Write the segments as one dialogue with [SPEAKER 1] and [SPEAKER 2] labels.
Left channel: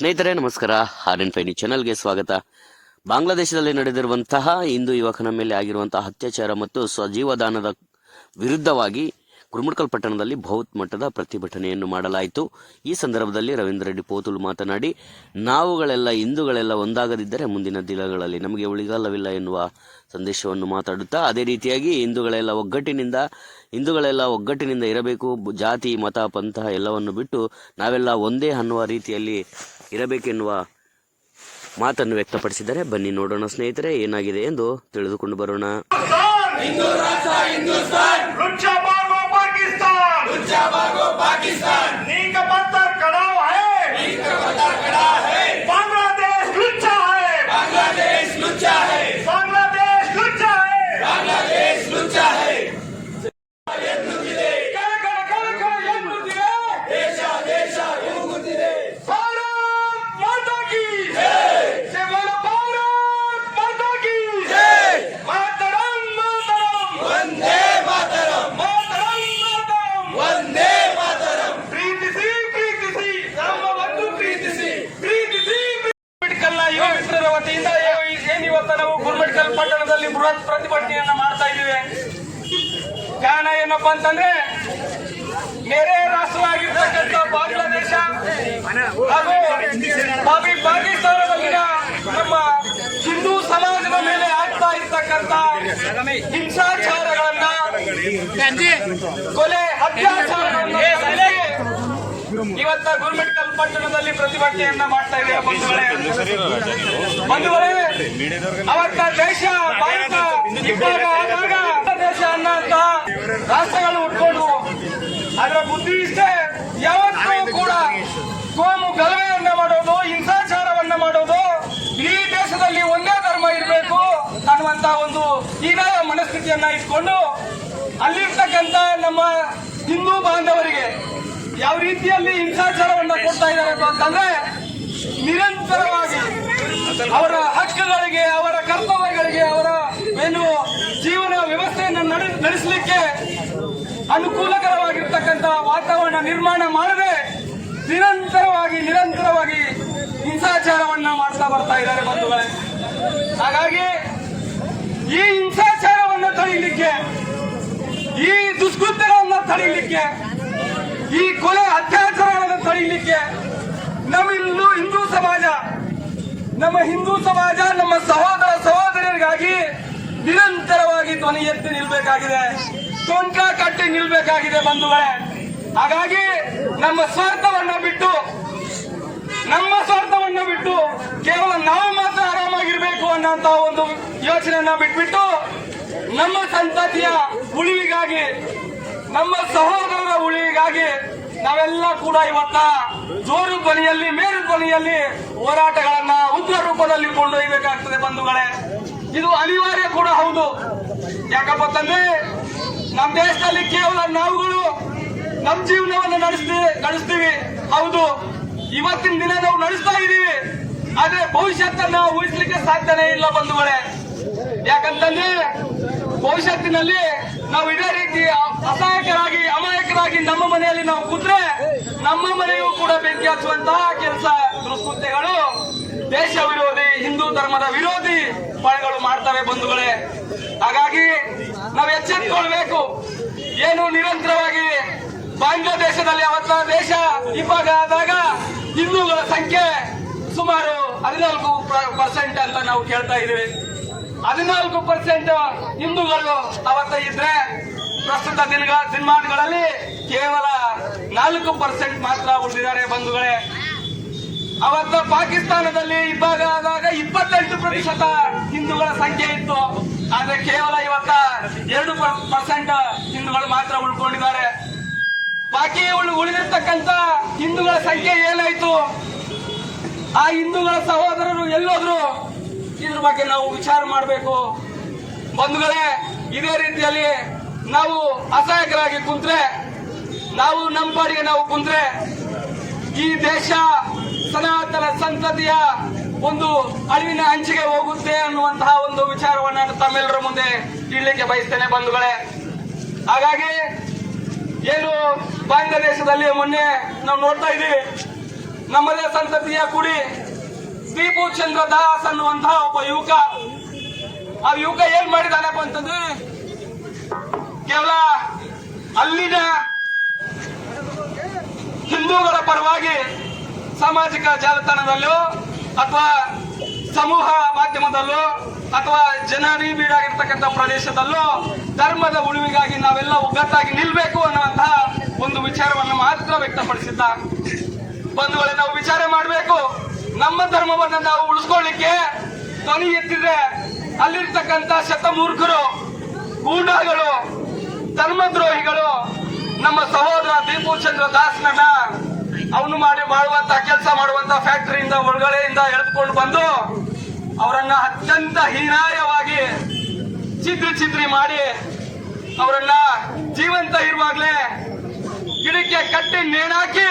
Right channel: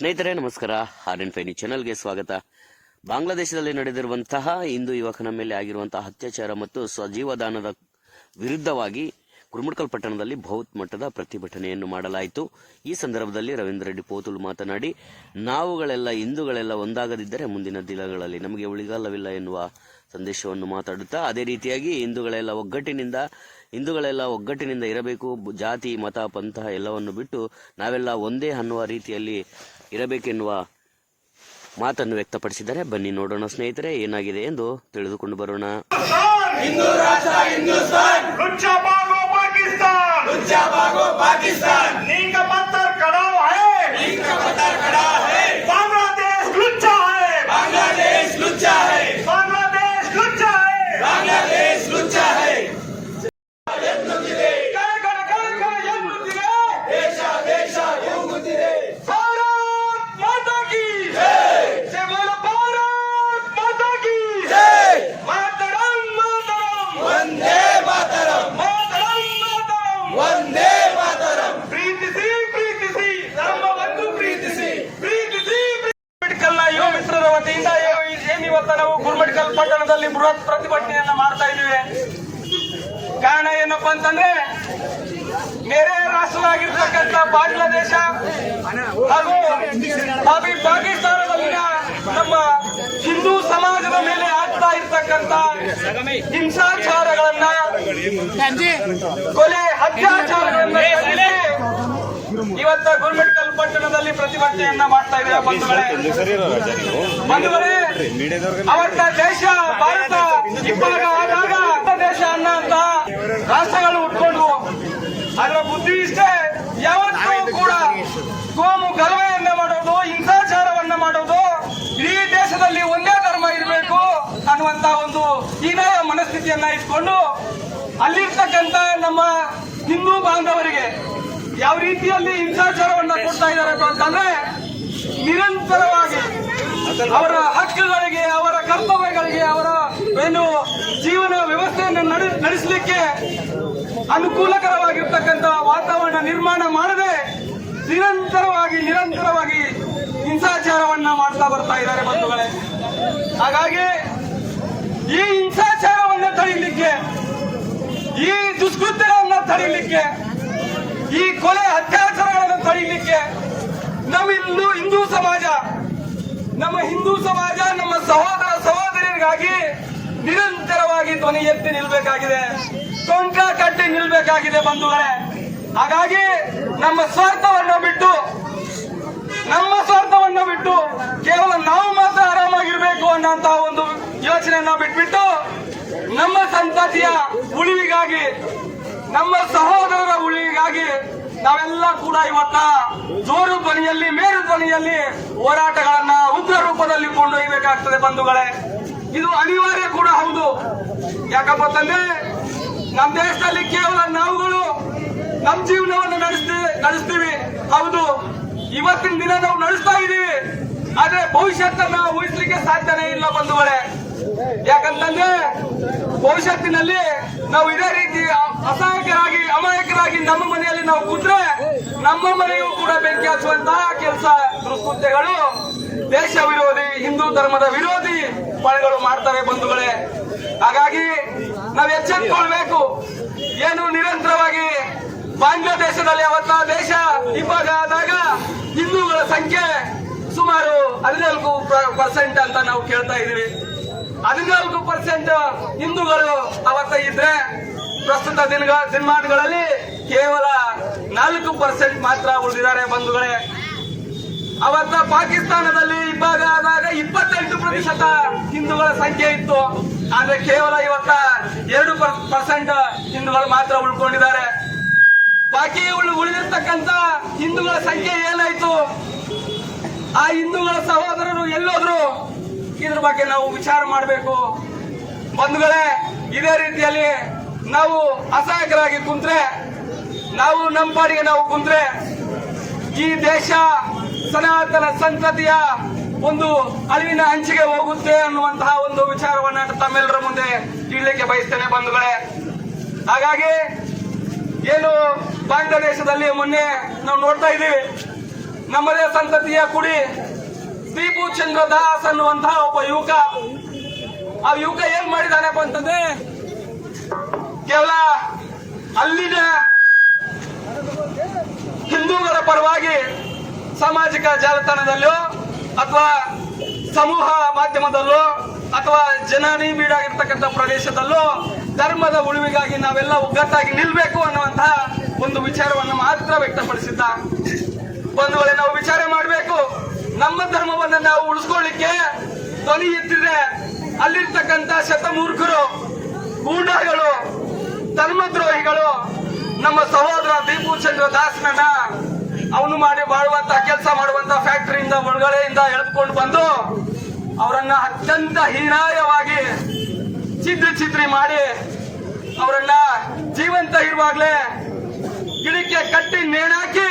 [SPEAKER 1] ಸ್ನೇಹಿತರೆ, ನಮಸ್ಕಾರ. R N ಫೈನಿ ಚಾನಲ್ಗೆ ಸ್ವಾಗತ. ಬಾಂಗ್ಲಾದೇಶದಲ್ಲಿ ನಡೆದಿರುವಂತಹ ಹಿಂದೂ ಯುವಕನ ಮೇಲೆ ಆಗಿರುವಂತಹ ಅತ್ಯಾಚಾರ ಮತ್ತು ಸ್ವಜೀವದಾನದ ವಿರುದ್ಧವಾಗಿ ಕುರುಮಡ್ಕಲ್ ಪಟ್ಟಣದಲ್ಲಿ ಬೃಹತ್ ಮಟ್ಟದ ಪ್ರತಿಭಟನೆಯನ್ನು ಮಾಡಲಾಯಿತು. ಈ ಸಂದರ್ಭದಲ್ಲಿ ರವೀಂದ್ರ ರೆಡ್ಡಿ ಪೋತುಲು ಮಾತನಾಡಿ, ನಾವುಗಳೆಲ್ಲ, ಹಿಂದೂಗಳೆಲ್ಲ ಒಂದಾಗದಿದ್ದರೆ ಮುಂದಿನ ದಿನಗಳಲ್ಲಿ ನಮಗೆ ಉಳಿಗಾಲವಿಲ್ಲ ಎನ್ನುವ ಸಂದೇಶವನ್ನು ಮಾತಾಡುತ್ತಾ, ಅದೇ ರೀತಿಯಾಗಿ ಹಿಂದೂಗಳೆಲ್ಲ ಒಗ್ಗಟ್ಟಿನಿಂದ ಹಿಂದೂಗಳೆಲ್ಲ ಒಗ್ಗಟ್ಟಿನಿಂದ ಇರಬೇಕು, ಜಾತಿ, ಮತ, ಪಂಥ ಎಲ್ಲವನ್ನು ಬಿಟ್ಟು ನಾವೆಲ್ಲ ಒಂದೇ ಅನ್ನುವ ರೀತಿಯಲ್ಲಿ ಇರಬೇಕೆನ್ನುವ ಮಾತನ್ನು ವ್ಯಕ್ತಪಡಿಸಿದ್ದಾರೆ. ಬನ್ನಿ ನೋಡೋಣ ಸ್ನೇಹಿತರೆ ಏನಾಗಿದೆ ಎಂದು ತಿಳಿದುಕೊಂಡು ಬರೋಣ.
[SPEAKER 2] ನಾವು ಗುರುಮಠಕಲ್ ಪಟ್ಟಣದಲ್ಲಿ ಬೃಹತ್ ಪ್ರತಿಭಟನೆಯನ್ನ ಮಾಡ್ತಾ ಇದ್ದೀವಿ. ಕಾರಣ ಏನಪ್ಪಾ ಅಂತಂದ್ರೆ ನೆರೆ ರಾಷ್ಟ್ರವಾಗಿರ್ತಕ್ಕಂಥ ಬಾಂಗ್ಲಾದೇಶ ಹಾಗೂ ಪಾಕಿಸ್ತಾನದಲ್ಲಿನ ನಮ್ಮ ಹಿಂದೂ ಸಮಾಜದ ಮೇಲೆ ಆಗ್ತಾ ಇರ್ತಕ್ಕಂಥ ಹಿಂಸಾಚಾರಗಳನ್ನ, ಕೊಲೆ, ಅತ್ಯಾಚಾರಗಳನ್ನ ಇವತ್ತ ಗುರುಮಠಕಲ್ ಪಟ್ಟಣದಲ್ಲಿ ಪ್ರತಿಭಟನೆಯನ್ನ ಮಾಡ್ತಾ ಇದ್ದೇವೆ ಬಂಧುಗಳೇ? ಬಂಧುಗಳೇ ಅವತ್ತ ದೇಶ, ಭಾರತ ಇವಾಗ ಆದಾಗ ದೇಶ ಅನ್ನಂತ ರಾಷ್ಟ್ರಗಳು ಉಟ್ಕೊಂಡು ಅದರ ಬುದ್ಧಿ ಇಷ್ಟೇ. ಯಾವತ್ತೂ ಕೂಡ ಕೋಮು ಗಲಭೆಯನ್ನ ಮಾಡೋದು, ಹಿಂಸಾಚಾರವನ್ನ ಮಾಡೋದು, ಇಡೀ ದೇಶದಲ್ಲಿ ಒಂದೇ ಧರ್ಮ ಇರಬೇಕು ಅನ್ನುವಂತ ಒಂದು ಹೀನಾಯ ಮನಸ್ಥಿತಿಯನ್ನ ಇಟ್ಕೊಂಡು ಅಲ್ಲಿರ್ತಕ್ಕಂತ ನಮ್ಮ ಹಿಂದೂ ಬಾಂಧವರಿಗೆ ಯಾವ ರೀತಿಯಲ್ಲಿ ಹಿಂಸಾಚಾರವನ್ನ ಕೊಡ್ತಾ ಇದ್ದಾರೆ ಅಂತಂದ್ರೆ ಅವರ ಹಕ್ಕುಗಳಿಗೆ, ಅವರ ಕರ್ತವ್ಯಗಳಿಗೆ, ಅವರ ಏನು ಜೀವನ ವ್ಯವಸ್ಥೆಯನ್ನು ನಡೆ- ನಡೆಸಲಿಕ್ಕೆ ಅನುಕೂಲಕರವಾಗಿರ್ತಕ್ಕಂಥ ವಾತಾವರಣ ನಿರ್ಮಾಣ ಮಾಡದೆ ನಿರಂತರವಾಗಿ ನಿರಂತರವಾಗಿ ಹಿಂಸಾಚಾರವನ್ನ ಮಾಡ್ತಾ ಬರ್ತಾ ಇದ್ದಾರೆ ಬಂಧುಗಳೇ. ಹಾಗಾಗಿ ಈ ಹಿಂಸಾಚಾರವನ್ನು ತಡೆಯಲಿಕ್ಕೆ ಈ ದುಷ್ಕೃತ್ಯಗಳನ್ನು ತಡೆಯಲಿಕ್ಕೆ ಈ ಕೊಲೆ ಅತ್ಯಾಚಾರಗಳನ್ನು ತಡೆಯಲಿಕ್ಕೆ ಹಿಂದೂ ಹಿಂದೂ ಸಮಾಜ ನಮ್ಮ ಹಿಂದೂ ಸಮಾಜ, ನಮ್ಮ ಸಹೋದರ ಸಹೋದರಿಯರಿಗಾಗಿ ನಿರಂತರವಾಗಿ ಧ್ವನಿ ಎತ್ತಿ ನಿಲ್ಬೇಕಾಗಿದೆ. ಟೊಂಕ ಕಟ್ಟಿ ನಿಲ್ಬೇಕಾಗಿದೆ ಬಂಧುಗಳೇ. ಹಾಗಾಗಿ ನಮ್ಮ ಸ್ವಾರ್ಥವನ್ನು ಬಿಟ್ಟು, ನಮ್ಮ ಸ್ವಾರ್ಥವನ್ನು ಬಿಟ್ಟು ಕೇವಲ ನಾವು ಮಾತ್ರ ಆರಾಮಾಗಿರ್ಬೇಕು ಅನ್ನೋಂತ ಒಂದು ಯೋಚನೆಯನ್ನ ಬಿಟ್ಬಿಟ್ಟು ನಮ್ಮ ಸಂತತಿಯ ಉಳಿವಿಗಾಗಿ, ನಮ್ಮ ಸಹೋದರರ ಉಳಿವಿಗಾಗಿ ನಾವೆಲ್ಲ ಕೂಡ ಇವತ್ತ ಜೋರು ಧ್ವನಿಯಲ್ಲಿ ಮೇರು ಧ್ವನಿಯಲ್ಲಿ ಹೋರಾಟಗಳನ್ನ ಉಗ್ರ ರೂಪದಲ್ಲಿ ಕೊಂಡೊಯ್ಯಬೇಕಾಗ್ತದೆ ಬಂಧುಗಳೇ. ಇದು ಅನಿವಾರ್ಯ ಕೂಡ ಹೌದು. ಯಾಕಪ್ಪ ತಂದೆ ನಮ್ಮ ದೇಶದಲ್ಲಿ ಕೇವಲ ನಾವುಗಳು ನಮ್ಮ ಜೀವನವನ್ನು ನಡೆಸ್ತೀವಿ ನಡೆಸ್ತೀವಿ. ಹೌದು. ಇವತ್ತಿನ ದಿನ ನಾವು ನಡೆಸ್ತಾ ಇದ್ದೀವಿ. ಆದ್ರೆ ಭವಿಷ್ಯತ್ತನ್ನ ಊಹಿಸ್ಲಿಕ್ಕೆ ಸಾಧ್ಯನೇ ಇಲ್ಲ ಬಂಧುಗಳೇ. ಯಾಕಂತಂದ್ರೆ ಭವಿಷ್ಯತ್ತಿನಲ್ಲಿ ನಾವು ಇದೇ ರೀತಿ ಅಸಹಾಯಕರಾಗಿ, ಅಮಾಯಕರಾಗಿ ನಮ್ಮ ಮನೆಯಲ್ಲಿ ನಾವು ಕೂತ್ರೆ ನಮ್ಮ ಮನೆಯೂ ಕೂಡ ಬೆಂಕಿ ಹಚ್ಚುವಂತಹ ಕೆಲಸ ದುಷ್ಕೃತ್ಯಗಳು ದೇಶ ವಿರೋಧಿ ಹಿಂದೂ ಧರ್ಮದ ವಿರೋಧಿ ಪಡೆಗಳು ಮಾಡ್ತಾರೆ ಬಂಧುಗಳೇ. ಹಾಗಾಗಿ ನಾವು ಎಚ್ಚೆತ್ತುಕೊಳ್ಬೇಕು ಏನು ನಿರಂತರವಾಗಿ ಬಾಂಗ್ಲಾದೇಶದಲ್ಲಿ ಅವತ್ತ ದೇಶ ವಿಭಾಗ ಆದಾಗ ಹಿಂದೂಗಳ ಸಂಖ್ಯೆ ಸುಮಾರು ಹದಿನಾಲ್ಕು ಪರ್ಸೆಂಟ್ ಅಂತ ನಾವು ಕೇಳ್ತಾ ಇದೀವಿ ಹದಿನಾಲ್ಕು ಪರ್ಸೆಂಟ್ ಹಿಂದೂಗಳು ಅವತ್ತ ಇದ್ರೆ ಪ್ರಸ್ತುತ ದಿನಗಳ ಸಿನಿಮಾಗಳಲ್ಲಿ ಕೇವಲ ನಾಲ್ಕು ಪರ್ಸೆಂಟ್ ಮಾತ್ರ ಉಳಿದಿದ್ದಾರೆ ಬಂಧುಗಳೇ. ಅವತ್ತ ಪಾಕಿಸ್ತಾನದಲ್ಲಿ ಇಬ್ಬಾಗ ಆದಾಗ ಇಪ್ಪತ್ತೆಂಟು ಪ್ರತಿಶತ ಹಿಂದೂಗಳ ಸಂಖ್ಯೆ ಇತ್ತು. ಆದ್ರೆ ಕೇವಲ ಇವತ್ತ ಎರಡು ಪರ್ಸೆಂಟ್ ಹಿಂದೂಗಳು ಮಾತ್ರ ಉಳ್ಕೊಂಡಿದ್ದಾರೆ. ಬಾಕಿ ಉಳಿದಿರ್ತಕ್ಕಂತ ಹಿಂದೂಗಳ ಸಂಖ್ಯೆ ಏನಾಯ್ತು? ಆ ಹಿಂದೂಗಳ ಸಹೋದರರು ಎಲ್ಲೋದ್ರು ಇದ್ರ ಬಗ್ಗೆ ನಾವು ವಿಚಾರ ಮಾಡಬೇಕು. ಬಂಧುಗಳೇ, ಇದೇ ರೀತಿಯಲ್ಲಿ ನಾವು ಅಸಹಾಯಕರಾಗಿ ಕುಂತ್ರೆ, ನಾವು ನಮ್ಮ ಪಾಡಿಗೆ ನಾವು ಕುಂತ್ರೆ, ಈ ದೇಶ ಸನಾತನ ಸಂತತಿಯ ಒಂದು ಅಳಿವಿನ ಅಂಚಿಗೆ ಹೋಗುತ್ತೆ ಅನ್ನುವಂತಹ ಒಂದು ವಿಚಾರವನ್ನು ತಮ್ಮೆಲ್ಲರ ಮುಂದೆ ಇಡ್ಲಿಕ್ಕೆ ಬಯಸ್ತೇನೆ ಬಂಧುಗಳೇ. ಹಾಗಾಗಿ ಏನು ಬಾಂಗ್ಲಾದೇಶದಲ್ಲಿ ಮೊನ್ನೆ ನಾವು ನೋಡ್ತಾ ಇದ್ದೀವಿ, ನಮ್ಮದೇ ಸಂತತಿಯ ಕುಡಿ ದೀಪು ಚಂದ್ರ ದಾಸ್ ಅನ್ನುವಂತಹ ಒಬ್ಬ ಯುವಕ. ಆ ಯುವಕ ಏನ್ ಮಾಡಿದಾನಪ್ಪ ಅಂತಂದ್ರೆ, ಕೇವಲ ಅಲ್ಲಿನ ಹಿಂದೂಗಳ ಪರವಾಗಿ ಸಾಮಾಜಿಕ ಜಾಲತಾಣದಲ್ಲೋ ಅಥವಾ ಸಮೂಹ ಮಾಧ್ಯಮದಲ್ಲೋ ಅಥವಾ ಜನನಿಬಿಡಾಗಿರ್ತಕ್ಕಂಥ ಪ್ರದೇಶದಲ್ಲೋ ಧರ್ಮದ ಉಳಿವಿಗಾಗಿ ನಾವೆಲ್ಲ ಒಗ್ಗಟ್ಟಾಗಿ ನಿಲ್ಬೇಕು ಅನ್ನುವಂತಹ ಒಂದು ವಿಚಾರವನ್ನು ಮಾತ್ರ ವ್ಯಕ್ತಪಡಿಸಿದ್ದ. ಬಂಧುಗಳೇ, ನಾವು ವಿಚಾರ ಮಾಡಬೇಕು ಧರ್ಮವನ್ನ ನಾವು ಉಳಿಸ್ಕೊಳ್ಳಿಕ್ಕೆ ಧ್ವನಿ ಎತ್ತಿದ್ರೆ ಅಲ್ಲಿರ್ತಕ್ಕಂಥ ಶತಮೂರ್ಖರು, ಗೂಂಡಾಗಳು, ಧರ್ಮದ್ರೋಹಿಗಳು, ನಮ್ಮ ಸಹೋದರ ದೀಪು ಚಂದ್ರ ದಾಸ್ನನ್ನ ಅವನು ಮಾಡಿ ಮಾಡುವಂತ ಕೆಲಸ ಮಾಡುವಂತ ಫ್ಯಾಕ್ಟರಿಯಿಂದ, ಒಳಗಡೆಯಿಂದ ಎಳೆದುಕೊಂಡು ಬಂದು ಅವರನ್ನ ಅತ್ಯಂತ ಹೀನಾಯವಾಗಿ ಚಿದ್ರಿ ಚಿತ್ರಿ ಮಾಡಿ ಅವರನ್ನ ಜೀವಂತ ಇರುವಾಗ್ಲೇ ಗಿಡಕ್ಕೆ ಕಟ್ಟಿ ನೇಣಾಕಿ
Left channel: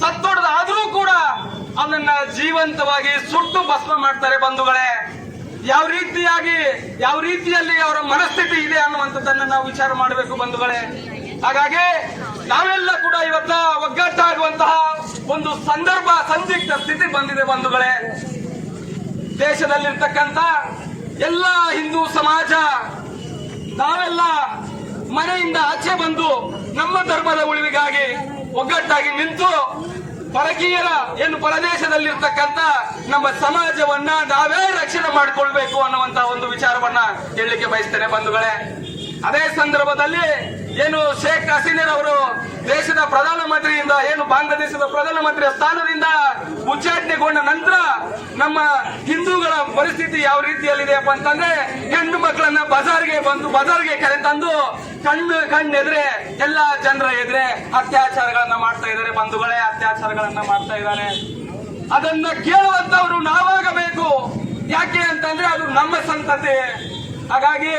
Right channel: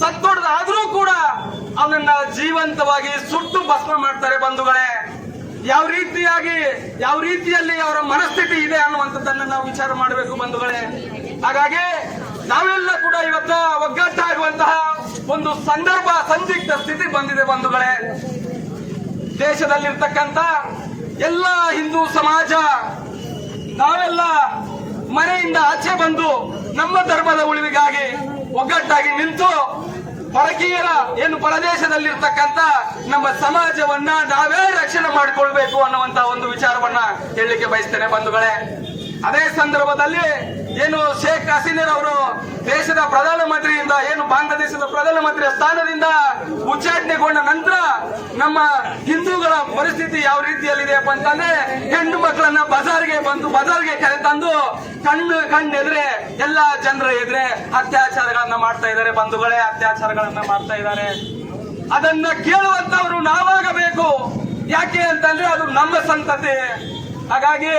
[SPEAKER 2] ಸತ್ತೊಡ್ದಾದ್ರೂ ಕೂಡ ಅವನನ್ನ ಜೀವಂತವಾಗಿ ಸುಟ್ಟು ಭಸ್ಮ ಮಾಡ್ತಾರೆ ಬಂಧುಗಳೇ. ಯಾವ ರೀತಿಯಾಗಿ, ಯಾವ ರೀತಿಯಲ್ಲಿ ಅವರ ಮನಸ್ಥಿತಿ ಇದೆ ಅನ್ನುವಂಥದ್ದನ್ನ ನಾವು ವಿಚಾರ ಮಾಡಬೇಕು ಬಂಧುಗಳೇ. ಹಾಗಾಗಿ ನಾವೆಲ್ಲ ಕೂಡ ಇವತ್ತ ಒಗ್ಗಟ್ಟಾಗುವಂತಹ ಒಂದು ಸಂದರ್ಭ, ಸಂದಿಗ್ಧ ಸ್ಥಿತಿ ಬಂದಿದೆ ಬಂಧುಗಳೇ. ದೇಶದಲ್ಲಿರ್ತಕ್ಕಂಥ ಎಲ್ಲ ಹಿಂದೂ ಸಮಾಜ, ನಾವೆಲ್ಲ ಮನೆಯಿಂದ ಆಚೆ ಬಂದು ನಮ್ಮ ಧರ್ಮದ ಉಳಿವಿಗಾಗಿ ಒಗ್ಗಟ್ಟಾಗಿ ನಿಂತು ಪರಕೀಯರ ಏನು ಪರದೇಶದಲ್ಲಿರ್ತಕ್ಕಂಥ ನಮ್ಮ ಸಮಾಜವನ್ನ ನಾವೇ ರಕ್ಷಣೆ ಮಾಡಿಕೊಳ್ಬೇಕು ಅನ್ನುವಂತ ಒಂದು ವಿಚಾರವನ್ನ ಹೇಳಲಿಕ್ಕೆ ಬಯಸ್ತೇನೆ ಬಂಧುಗಳೇ. ಅದೇ ಸಂದರ್ಭದಲ್ಲಿ ಏನು ಶೇಖ್ ಹಸೀನರ್ ಅವರು ದೇಶದ ಪ್ರಧಾನಮಂತ್ರಿಯಿಂದ, ಏನು ಬಾಂಗ್ಲಾದೇಶದ ಪ್ರಧಾನಮಂತ್ರಿಯ ಸ್ಥಾನದಿಂದ ಉಚ್ಚಾಟನೆಗೊಂಡ ನಂತರ ನಮ್ಮ ಹಿಂದೂಗಳ ಪರಿಸ್ಥಿತಿ ಯಾವ ರೀತಿಯಲ್ಲಿದೆಯಪ್ಪ ಅಂತಂದ್ರೆ, ಹೆಣ್ಣು ಮಕ್ಕಳನ್ನ ಬಜಾರ್ಗೆ ಬಂದು, ಬಜಾರ್ಗೆ ಕರೆ ತಂದು ಕಣ್ಣು, ಕಣ್ಣೆದ್ರೆ ಎಲ್ಲಾ ಜನರ ಎದುರೆ ಅತ್ಯಾಚಾರಗಳನ್ನ ಮಾಡ್ತಾ ಇದ್ದಾರೆ, ಬಂಧುಗಳೇ ಅತ್ಯಾಚಾರಗಳನ್ನ ಮಾಡ್ತಾ ಇದ್ದಾರೆ. ಅದನ್ನ ಕೇಳುವಂತವ್ರು ನಾವಾಗಬೇಕು. ಯಾಕೆ ಅಂತಂದ್ರೆ ಅದು ನಮ್ಮ ಸಂತತಿ. ಹಾಗಾಗಿ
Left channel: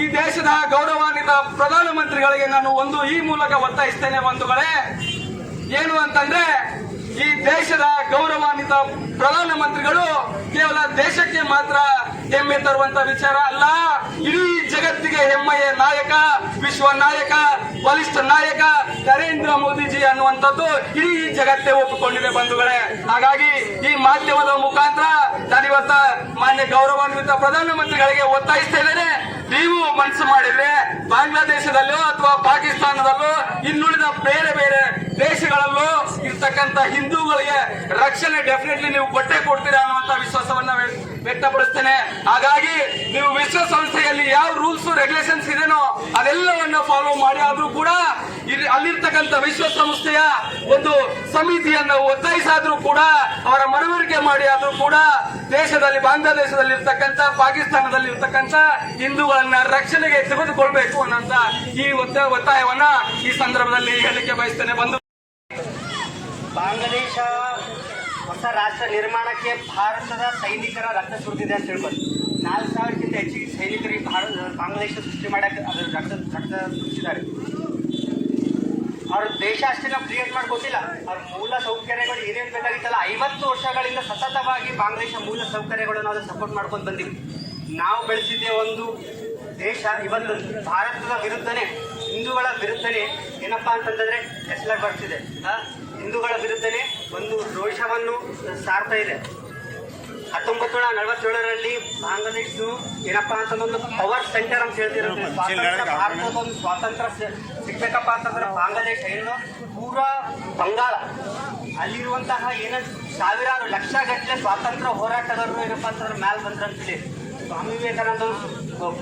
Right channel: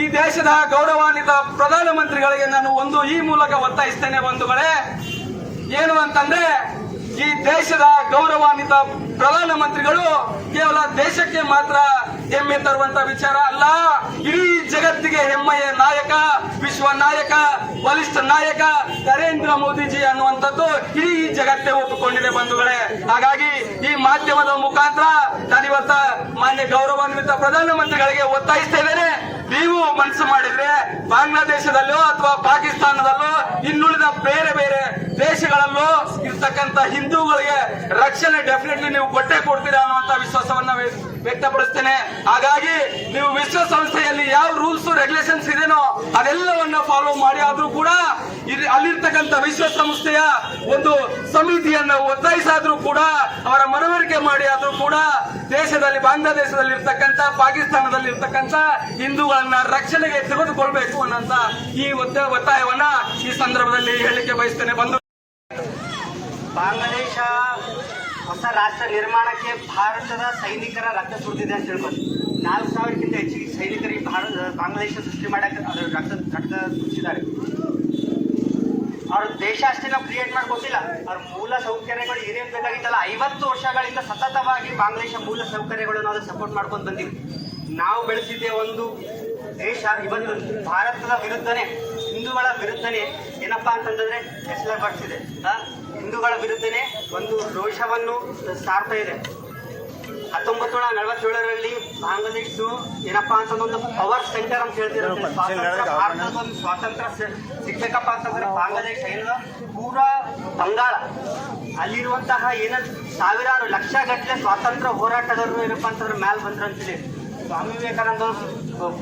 [SPEAKER 2] ಈ ದೇಶದ ಗೌರವಾನ್ವಿತ ಪ್ರಧಾನಮಂತ್ರಿಗಳಿಗೆ ನಾನು ಒಂದು ಈ ಮೂಲಕ ಒತ್ತಾಯಿಸ್ತೇನೆ ಬಂಧುಗಳೇ. ಏನು ಅಂತಂದ್ರೆ, ಈ ದೇಶದ ಗೌರವಾನ್ವಿತ ಪ್ರಧಾನಮಂತ್ರಿಗಳು ಕೇವಲ ದೇಶಕ್ಕೆ ಮಾತ್ರ ಹೆಮ್ಮೆ ತರುವಂತ ವಿಚಾರ ಅಲ್ಲ, ಇಡೀ ಜಗತ್ತಿಗೆ ಹೆಮ್ಮೆಯ ನಾಯಕ, ವಿಶ್ವ ನಾಯಕ, ಬಲಿಷ್ಠ ನಾಯಕ ನರೇಂದ್ರ ಮೋದಿಜಿ ಅನ್ನುವಂಥದ್ದು ಇಡೀ ಜಗತ್ತೇ ಒಪ್ಪಿಕೊಂಡಿದೆ ಬಂಧುಗಳೇ. ಹಾಗಾಗಿ ಈ ಮಾಧ್ಯಮದ ಮುಖಾಂತರ ನಾನಿವತ್ತ ಮಾನ್ಯ ಗೌರವಾನ್ವಿತ ಪ್ರಧಾನಮಂತ್ರಿಗಳಿಗೆ ಒತ್ತಾಯಿಸ್ತಾ ನೀವು ಮನಸ್ಸು ಮಾಡಿದ್ರೆ ಬಾಂಗ್ಲಾದೇಶದಲ್ಲೋ ಅಥವಾ ಪಾಕಿಸ್ತಾನದಲ್ಲೋ ಇನ್ನುಳಿದ ಬೇರೆ ಬೇರೆ ದೇಶಗಳಲ್ಲೂ ಇರ್ತಕ್ಕಂಥ ಹಿಂದೂಗಳಿಗೆ ರಕ್ಷಣೆ ಡೆಫಿನೆಟ್ಲಿ ನೀವು ಕೊಟ್ಟೆ ಕೊಡ್ತೀರಾ ಅನ್ನುವಂತ ವಿಶ್ವಾಸವನ್ನ ವ್ಯಕ್ತಪಡಿಸ್ತೇನೆ. ಹಾಗಾಗಿ ನೀವು ವಿಶ್ವಸಂಸ್ಥೆಯಲ್ಲಿ ಯಾವ ರೂಲ್ಸ್ ರೆಗ್ಯುಲೇಷನ್ಸ್ ಇದೇನೋ ಅದೆಲ್ಲವನ್ನ ಫಾಲೋ ಮಾಡಿ, ಆದ್ರೂ ಕೂಡ ಅಲ್ಲಿರ್ತಕ್ಕಂಥ ವಿಶ್ವಸಂಸ್ಥೆಯ ಒಂದು ಸಮಿತಿಯನ್ನು ಒತ್ತಾಯಿಸಾದ್ರೂ ಕೂಡ, ಅವರ ಮನವರಿಕೆ ಮಾಡಿ, ಆದ್ರೂ ಕೂಡ ದೇಶದಲ್ಲಿ ಬಾಂಗ್ಲಾದೇಶದಲ್ಲಿ ಇರ್ತಕ್ಕಂಥ ಪಾಕಿಸ್ತಾನದಲ್ಲಿ ಇರ್ತಕ್ಕಂಥ ಹಿಂದೂಗಳನ್ನ ರಕ್ಷಣೆಗೆ ತೆಗೆದುಕೊಳ್ಬೇಕು ಅನ್ನೋಂತ ಈ ಒತ್ತ- ಒತ್ತಾಯವನ್ನ ಈ ಸಂದರ್ಭದಲ್ಲಿ ಹೇಳಲಿಕ್ಕೆ ಬಯಸ್ತೇನೆ. ಬಂದು
[SPEAKER 3] ಬಾಂಗ್ಲಾದೇಶ ಹೊಸ ರಾಷ್ಟ್ರ ನಿರ್ಮಾಣಕ್ಕೆ ಭಾರತದ ಸೈನಿಕರ ರಕ್ತ ಸುರಿದಿದೆ ಅಂತ ತಿಳ್ಕೊಂಡು ನಾಲ್ಕು ಸಾವಿರಕ್ಕಿಂತ ಹೆಚ್ಚಿಗೆ ಸೈನಿಕರಿಗೆ ಭಾರತ, ಬಾಂಗ್ಲಾದೇಶ ಸೃಷ್ಟಿ ಮಾಡಕ್ಕೆ ಅದು ರಕ್ತ ರಕ್ತ ಸುರಿಸಿದ್ದಾರೆ ಅವ್ರ ದೇಶ ಅಷ್ಟೇ ನಾವು ಕ್ರಿಯೇಟ್ ಮಾಡ್ಕೊತಿಲ್ಲ ಅವ್ರ ಮೂಲ ಸೌಕರ್ಯಗಳು ಏನೇನು ಬೇಕಾಗಿತ್ತಲ್ಲ, ಐವತ್ತು ವರ್ಷಗಳಿಂದ ಸತತವಾಗಿ ಬಾಂಗ್ಲಾದೇಶ ಮೂಲ ಸೌಕರ್ಯಗಳನ್ನು ಅದು ಸಪೋರ್ಟ್ ಮಾಡ್ಕೊಂಡು ಬಂದಿವಿ. ನಾವು ಬೆಳೆಸಿದ್ದೆ ಒಂದು ದೇಶ, ಇವತ್ತು ಭಾರತದ ವಿರುದ್ಧನೇ, ಹಿಂದೂಗಳ ವಿರುದ್ಧನೇ ಏನಪ್ಪಾ ಅಂತಂದರೆ ಹೆಸರು ಬರ್ತಿದೆ. ಹಿಂದೂಗಳ ವಿರುದ್ಧನೇ ಒಂದು ರೋಷವನ್ನು ಸಾರ್ತಾ ಇದೆ. ಹತ್ತೊಂಬತ್ತು ನೂರ ನಲವತ್ತೇಳರಲ್ಲಿ ಬಾಂಗ್ಲಾದೇಶ ಏನಪ್ಪ ಅಂತಂದೊಂದು ಪವರ್ ಸೆಂಟರ್ ಅಂತ ಸ್ವಾತಂತ್ರ್ಯ ಭಾರತದ ಒಂದು ಸ್ವಾತಂತ್ರ್ಯ ಸಿಗ್ಬೇಕಪ್ಪ ಅಂತಂದ್ರೆ ಬಾಂಗ್ಲಾದೇಶ ಏನು ಪೂರಾ ಬಂಗಾಳ. ಅಲ್ಲಿರುವಂತಹ ಏನ ಸಾವಿರಾರು ಲಕ್ಷ ಗಟ್ಟಲೆ ಸ್ವಾತಂತ್ರ್ಯ ಹೋರಾಟಗಾರರು ಏನಪ್ಪಾ ಅಂತಂದ್ರೆ ಮ್ಯಾಲ್ ಬಂದ್ರ ಅಂತೇಳಿ. ಸ್ವಾಮಿ ವಿವೇಕಾನಂದರು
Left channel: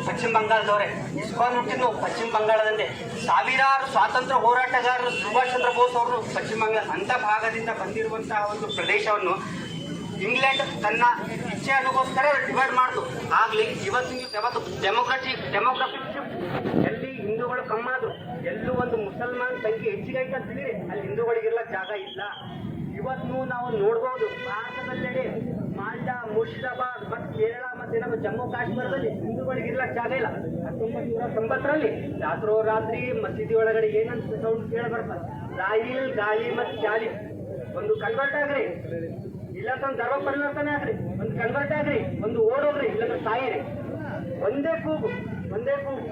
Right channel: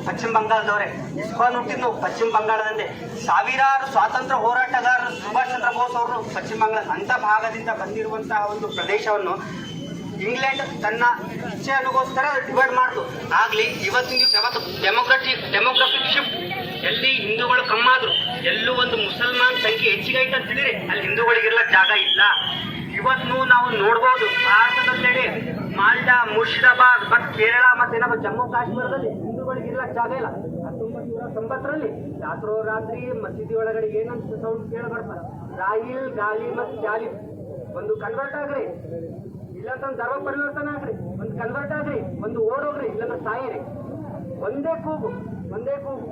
[SPEAKER 3] ಪಶ್ಚಿಮ ಬಂಗಾಳದವರೇ, ಇಸ್ಕಾನ್ ಹುಟ್ಟಿದ್ದು ಪಶ್ಚಿಮ ಬಂಗಾಳದಲ್ಲಿ ಸಾವಿರಾರು ಸ್ವಾತಂತ್ರ್ಯ ಹೋರಾಟಗಾರರು, ಸುಭಾಷ್ ಚಂದ್ರ ಬೋಸ್ ಅವರು ಪಶ್ಚಿಮ ಬಂಗಾಳ ಅಂತ ಭಾಗದಿಂದ ಬಂದಿರುವಂತಹ ಒಂದು ಪ್ರದೇಶವನ್ನು ಇಂಗ್ಲೆಂಡ್ ತನ್ನ ಇಚ್ಛೆ ಅನುಗೋಸ್ಕರ ಡಿವೈಡ್ ಮಾಡಿತು. ಆಗ್ಲಿ ಇವತ್ತಿನ ಯಾವತ್ತು ಡೆಮೋಕ್ರಟಿಕ್ ಡೆಮೋಗ್ರಫಿಕ್ ಶಿಫ್ಟ್ ಎಲ್ಲಿ ಹಿಂದೂಗಳು ಕಮ್ಮಾದ್ರು, ಎಲ್ಲೂ ಒಂದು ಮುಸಲ್ಮಾನ್ ಸಂಖ್ಯೆ ಹೆಚ್ಚಿಗೆ ಐತೆ ಅಂತ ತಿಳಿರಿ ಅಲ್ಲಿ ಹಿಂದೂಗಳಿಗೆಲ್ಲ ಜಾಗ ಇಲ್ಲ. ಇವತ್ತು ನಾವು ನೋಡ್ಬೋದು ಭಾರತದಲ್ಲಿ ಮಾಲ್ಡಾ ಮುರ್ಷಿದಾಬಾದ್ ಮತ್ತು ಕೇರಳ, ಮತ್ತೆ ಏನಪ್ಪ ಜಮ್ಮು ಕಾಶ್ಮೀರದಲ್ಲಿ ಹಿಂದೂಗಳಿಗೆ ಇರ್ಲಕ್ ಜಾಗ ಇಲ್ಲ. ಹತ್ತೊಂಬತ್ತು ನೂರ ತೊಂಬತ್ತರಲ್ಲಿ ರಾತ್ರೋ ರಾತ್ರಿ ಮಸೀದಿ ಒಳಗಡೆ ಏನಂತ ಸೌಂಡ್ ಕೇಳ ಬರ್ತಾರೆ ರಾಯಿಲ್ ಗಾಳಿ ಮತ್ತು ಜಾಲಿ ಒಂದು ಕನ್ವರ್ಟ್ ಆಗ್ರಿ. ಇಲ್ಲಂತ ಒಂದು ಧರ್ಮ ಪರಿವರ್ತನೆ ಆಗ್ರಿ. ಒಂದು ಕನ್ವರ್ಟ್ ಆಗ್ರಿ. ಒಂದು ಓಡೋಗ್ರಿ. ಇಲ್ಲಂತ ಸಾಯಿರಿ. ಒಂದೇ ಕೂಗು. ಒಂದೇ ಕೂಗು.